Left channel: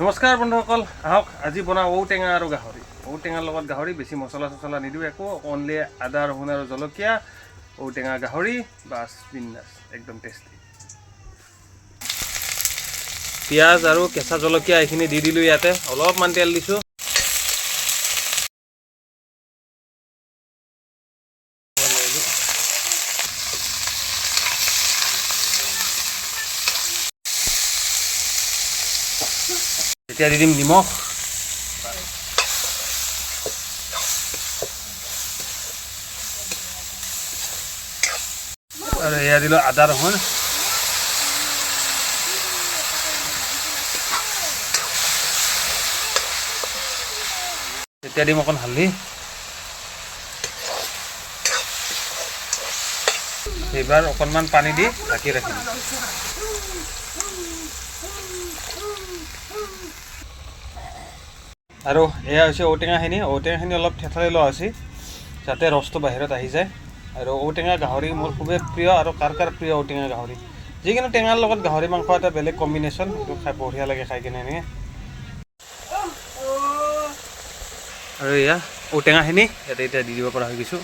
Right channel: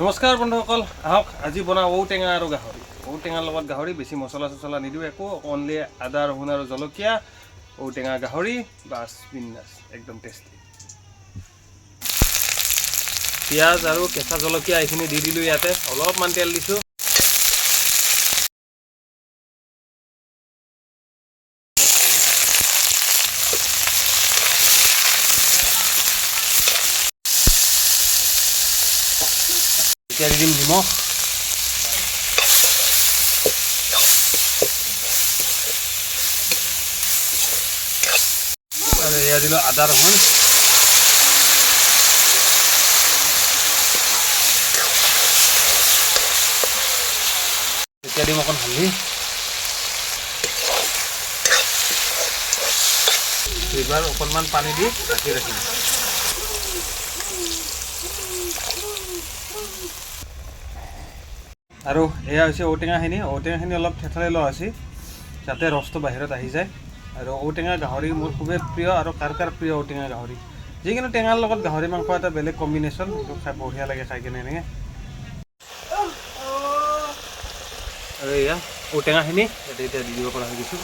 নমস্কাৰ বন্ধুসকল, আহক আজি বনাওঁ ঔটেঙা আৰু গাহৰি। ঔটেঙাৰ লগত গাহৰি, বেছি মছলা চছলা নিদিওঁ একো, অনলি আদা ৰহুন আৰু জলকীয়া, ঔটেঙা গাহৰি, বাছ বিন্দাছ, একদম টেষ্টি। পিঁয়াজ আৰু কেঁচা জলকীয়া এইখিনি দি দিলোঁ ইয়াতে, অলপমান তেল দিছোঁ। এতিয়া দি দিম নিমখ, আৰু এয়া দিলোঁ আদা ৰহুন। এতিয়া দিম অকণ হালধি, এইবাৰ অকণমান পানী দি ঢাকি ৰাখিম। আৰু এয়া হৈছে ঔটেঙাখিনি অলপ থেঠালি লোৱা হৈছে যাতে ৰসটো বাহিৰত আহি যায়। আৰু ঔটেঙা গাহৰি মোৰ খুবেই প্ৰিয়, আৰু কাৰ প্ৰিয় ঔটেঙা গাহৰি। যিকোনো টেঙাৰ লগত গাহৰি মাংস এটা বেলেগ কম্বিনেশ্যন, সেইটো খাই বঢ়িয়া লাগে খাই কিনে এনেকৈ। আৰু এয়া ঔটেঙাখিনি ইয়াতে এতিয়া দি দিব পৰা হৈ গৈছোঁ।